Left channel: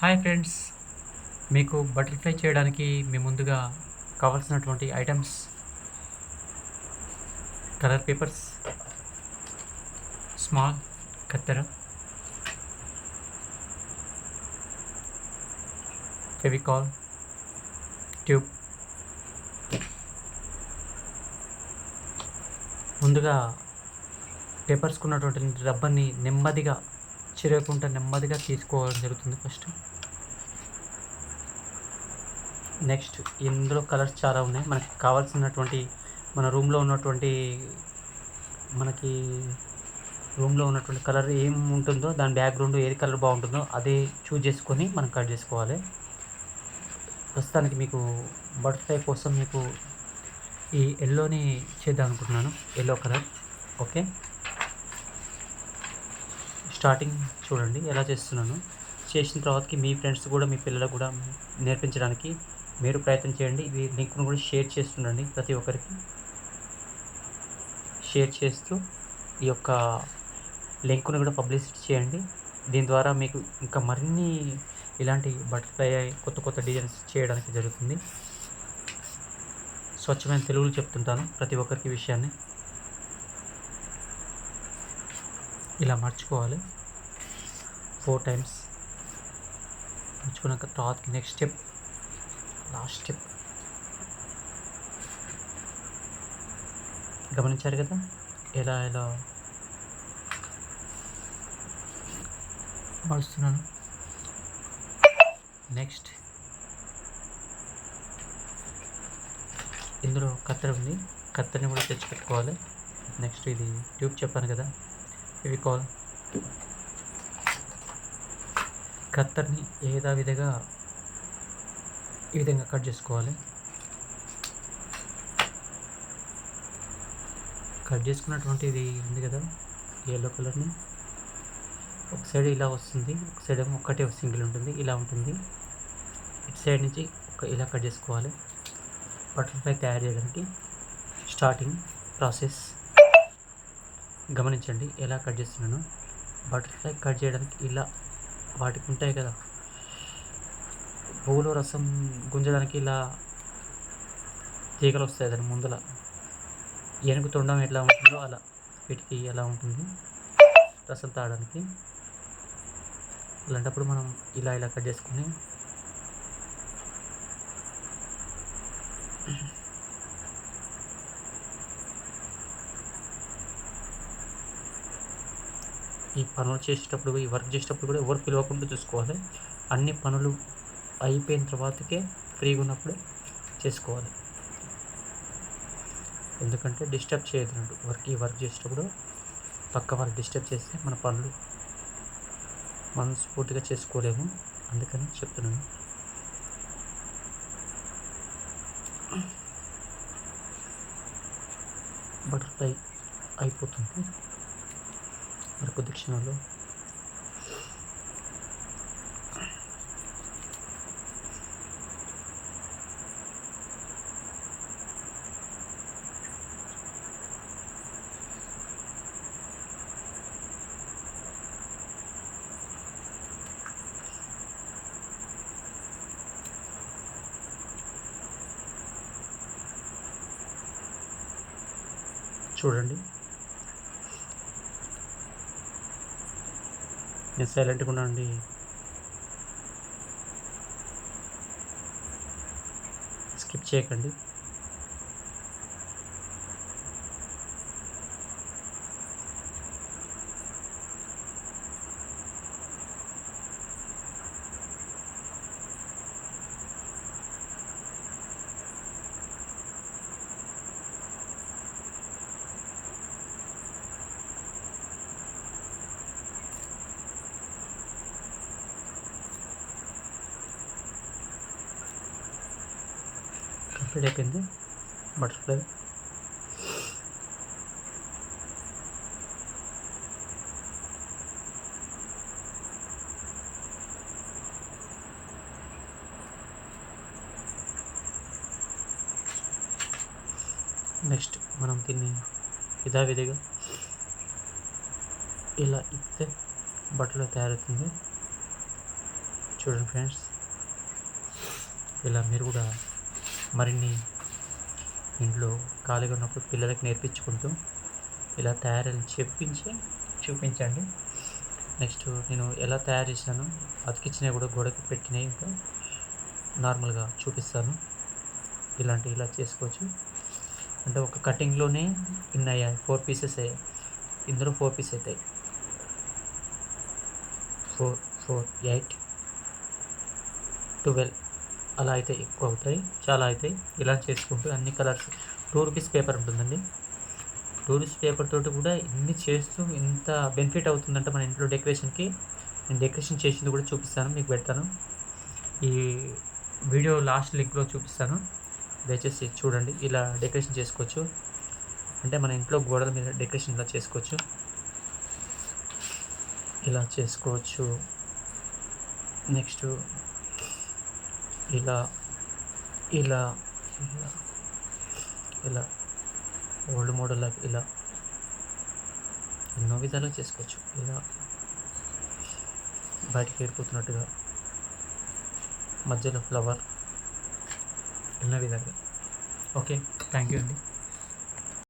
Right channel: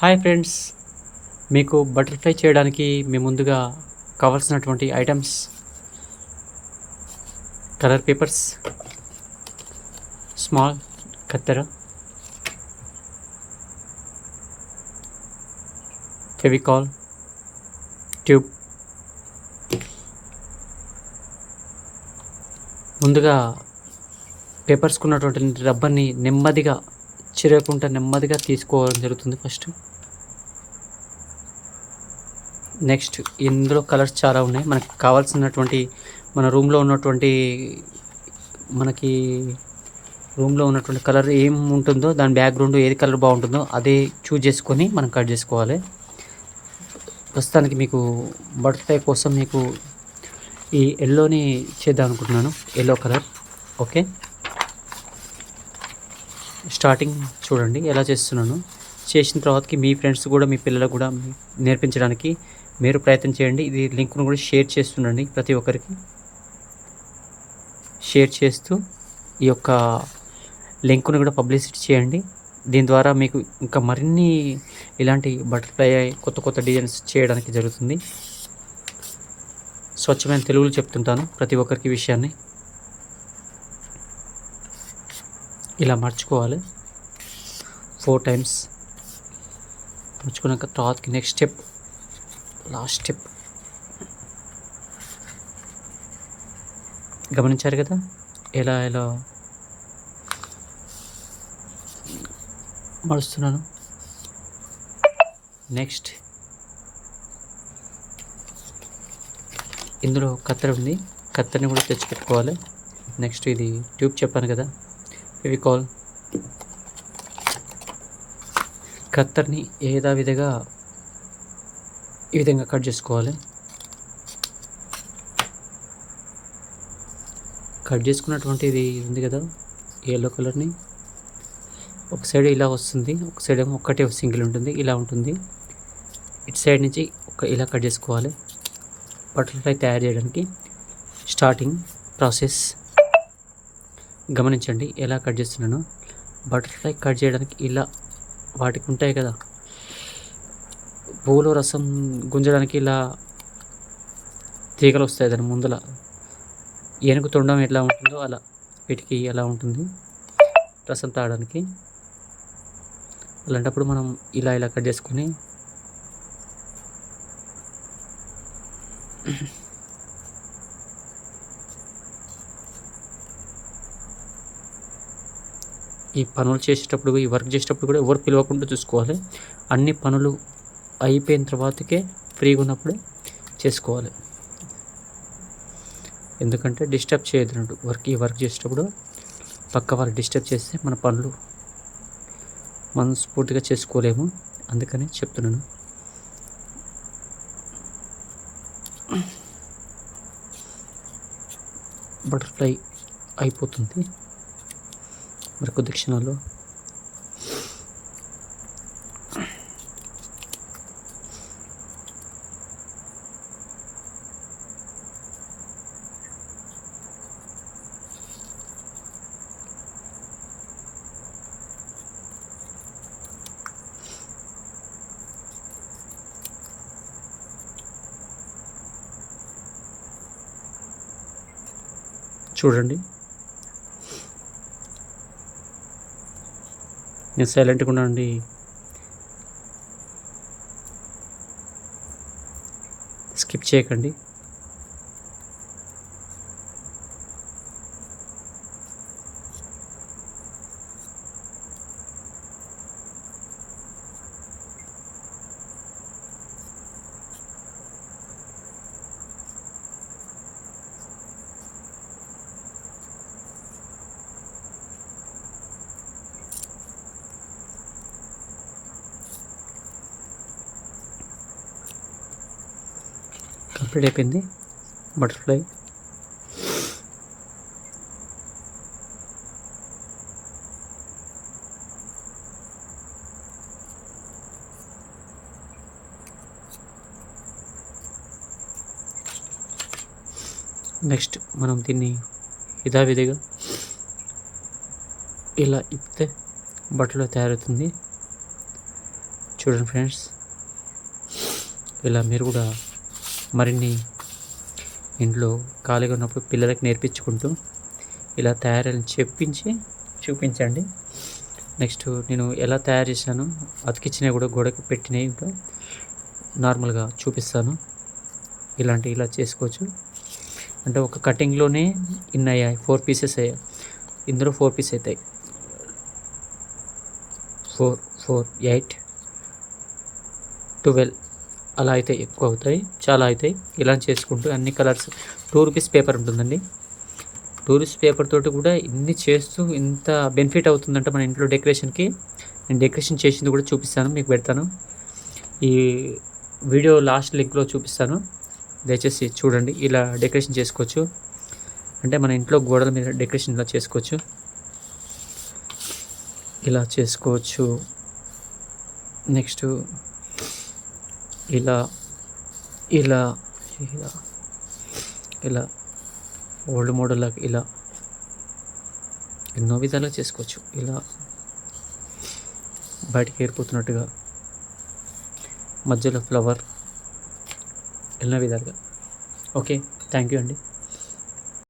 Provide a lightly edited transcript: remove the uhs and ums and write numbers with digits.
Hi friends, మీకు butterfly చేయడానికి మేము ముందుగా కావాల్సినటువంటి ఐటెమ్స్ కలర్ పేపర్స్, స్మాల్ కత్తెర, ఫెవికాల్, ట్యూబ్. ముందుగా పేపర్స్‌కున్నటువంటి రబ్బర్‌ని నెమ్మదిగా చిరగకుండా నెమ్మదిగా తీసుకోవడం జరుగుతుంది ఫస్ట్. నెక్స్ట్ ఇందులో కలర్స్ చాలా ఉన్నాయి. మనకు కావాల్సినటువంటి మన రూమ్‌లో ఉన్నటువంటి మనకి రూమ్‌లో ఉన్నటువంటి కలర్ ఏం ఉంటుందో దాని బ్యాక్‌గ్రౌండ్ ఏది కలర్ బాగుంటుందో అదే చూజ్ చేసుకొని మనం కట్ చేసుకోవాలి. ప్రస్తుతానికి మీకు బటర్‌ఫ్లై కోసం మీకు ఈ యెల్లోని చేద్దాం అనుకుంటున్నాను. Yellow colour. ఓకే, స్టార్టింగ్ చూడండి ఎలా చేస్తున్నాను. చేసిన తర్వాతకి మీ ఫ్రెండ్స్ కూడా మీ పిల్లలకు కూడా నేర్పించడానికి మీరు ప్రయత్నం చేయండి. ఇది లింక్ను కూడా షేర్ చేస్తుండండి ప్రతి ఒక్కరికి. షేర్ చేస్తూ ఈ యొక్క లింక్ను కూడా పబ్లిసిటీ చేయండి. దీని ద్వారా మీకు ఇంకా మరిన్ని ఇలాంటి బటర్‌ఫ్లై కొత్త కొత్త డిజైన్స్ చేయడానికి జరుగుతుంది. స్వచ్ఛమైన తెలుగులో చెప్తుంటాను ప్రతి ఒక్కరికి విషయాన్ని. ఇలా మర్చుకోవాలి 4 టైమ్స్. మర్చుకున్నాక తర్వాతకి నెక్స్ట్ స్టెప్, లాస్ట్ స్టెప్ గమనించారు కదా ఎలా ఎలా మలుస్తున్నాను. నెక్స్ట్ ఇందులో కత్తెర ఉంది, కత్తెరని కూడా తెచ్చిపెట్టుకోవాలి. నెక్స్ట్ ఇది ట్యూబ్ చెప్పాను కదా, ఫెవికాల్. కత్తెరని యథావిధిగా ఈ విధంగా కట్ చేసుకోవాలి. కట్ చేసుకున్నటువంటి ఇది ఉంది కదా యెల్లో కలర్ని, ఒక సైడ్ ఇలా వస్తుంది, ఒక సైడ్ ఏమో ఒక్కటే సింగిల్ ఉంటుంది, ఇలా ఉంటుంది. ఇటు సైడ్ నుంచి ఇలా కట్ చేసుకోవాలి. బటర్‌ఫ్లై తయారు చేయడానికి స్టార్టింగ్ ప్రాసెస్ గమనించండి ఎలా కట్ చేస్తున్నాను. బటర్‌ఫ్లై కట్ చేయడానికి ఇలా వాటికి ఉంటాయి కదా పువ్వులో రసం గుంజడానికి ఇలా తీగలు వస్తాయి దాని ముందల. ఏనుగు తొండం ఎట్లా ఉంటుందో అలా వీటికి ఎలా ఉంటుంది రసం తాగడానికి. అలాంటప్పుడు మనం ఇలా ఇలా కట్ చేసుకొని ఈ పనులు చేసేటప్పుడు, ఈ వర్క్ చేసేటప్పుడు కూడా ఎవరు పిలవకుండా చూసుకోవాలి. అన్ని పనులు అయిపోయిన తర్వాతకే ఫ్రీగా ఉన్నప్పుడే చేసుకోవాలి. ఎందుకంటే డిస్టర్బ్ చేయొద్దు ఈ వర్క్ చేసేటప్పుడు. పక్క వాళ్ళు డిస్టర్బ్ చేస్తే మన పనులు మనస్ఫూర్తిగా చేసుకోలేము. అందుకని చెప్తున్నాను. బటర్‌ఫ్లై అయిపోతుంది మరి కొద్ది క్షణాల్లో. చూడండి, నేను సైలెంట్గా ఉన్నానండి. స్కిప్ చేయకండి. కంప్లీట్ అయిపోయింది బటర్‌ఫ్లై. నెక్స్ట్ మనం దీన్ని యథావిధిగా ఇలా ఇప్పితే బట్టలు తయారవుతుంది. చూడండి ఫ్రెండ్స్, ఇలా మీరు కూడా మరిన్ని ఇంట్లో ఖాళీగా ఉన్నప్పుడు పిల్లలకి నేర్పించుకుంటూ ఇలా తయారని చూపించండి. నెక్స్ట్ నేను ఎలా తయారు చేశాను, అతికిచ్చినవి కూడా గోడకి పెట్టినవి ఇంకా నార్మల్గా చూపిస్తాను. ఇలా చేసుకోవచ్చు. అంటే ఒక కటింగ్లోనే ఇన్ని అయ్యాయి, 4 పీసెస్ అయ్యాయి. ఇందులో 4 పీస్ అవుతాయి, 4 4 8 12 అలా అయితే ఎక్కువ అవుతాయి, చాలా అవుతాయి. ఇలా చేసుకుంటూ అన్ని కలర్స్ 2 రూపీస్ పేపర్ ఉంటుందండి. 2 రూపీస్ పేపర్ తోటి కూడా ఇన్ని చేస్తూ ఇంత బెనిఫిట్ అవుతుందంటే మన ఇంట్లో డెకరేషన్కి. నేను డెకరేషన్ చేసింది కూడా చూపిస్తాను, మీకు పెడతాను. ఈ వీడియో లాస్ట్ లింక్లో చూపిస్తాను, దయచేసి చూడండి. ఇలా డెకరేషన్ చేసుకోవచ్చు. అంటే మన ఇంట్లో గోడల మీద డెకరేషన్ ఇలా చేసుకోవచ్చు. నెక్స్ట్ ఇలా ఇలా ఇలా ఇలా ఓల్డ్ మోడల్ లాగా ఇలా ఎన్నో విధాలుగా చేసుకోవచ్చు. ఇలా బయటికి ఏరిపోతున్నట్టుగా మధ్యలో ఫ్లవర్, ఎన్నో విధాలుగా. ఓకే, థ్యాంక్ యూ అండి.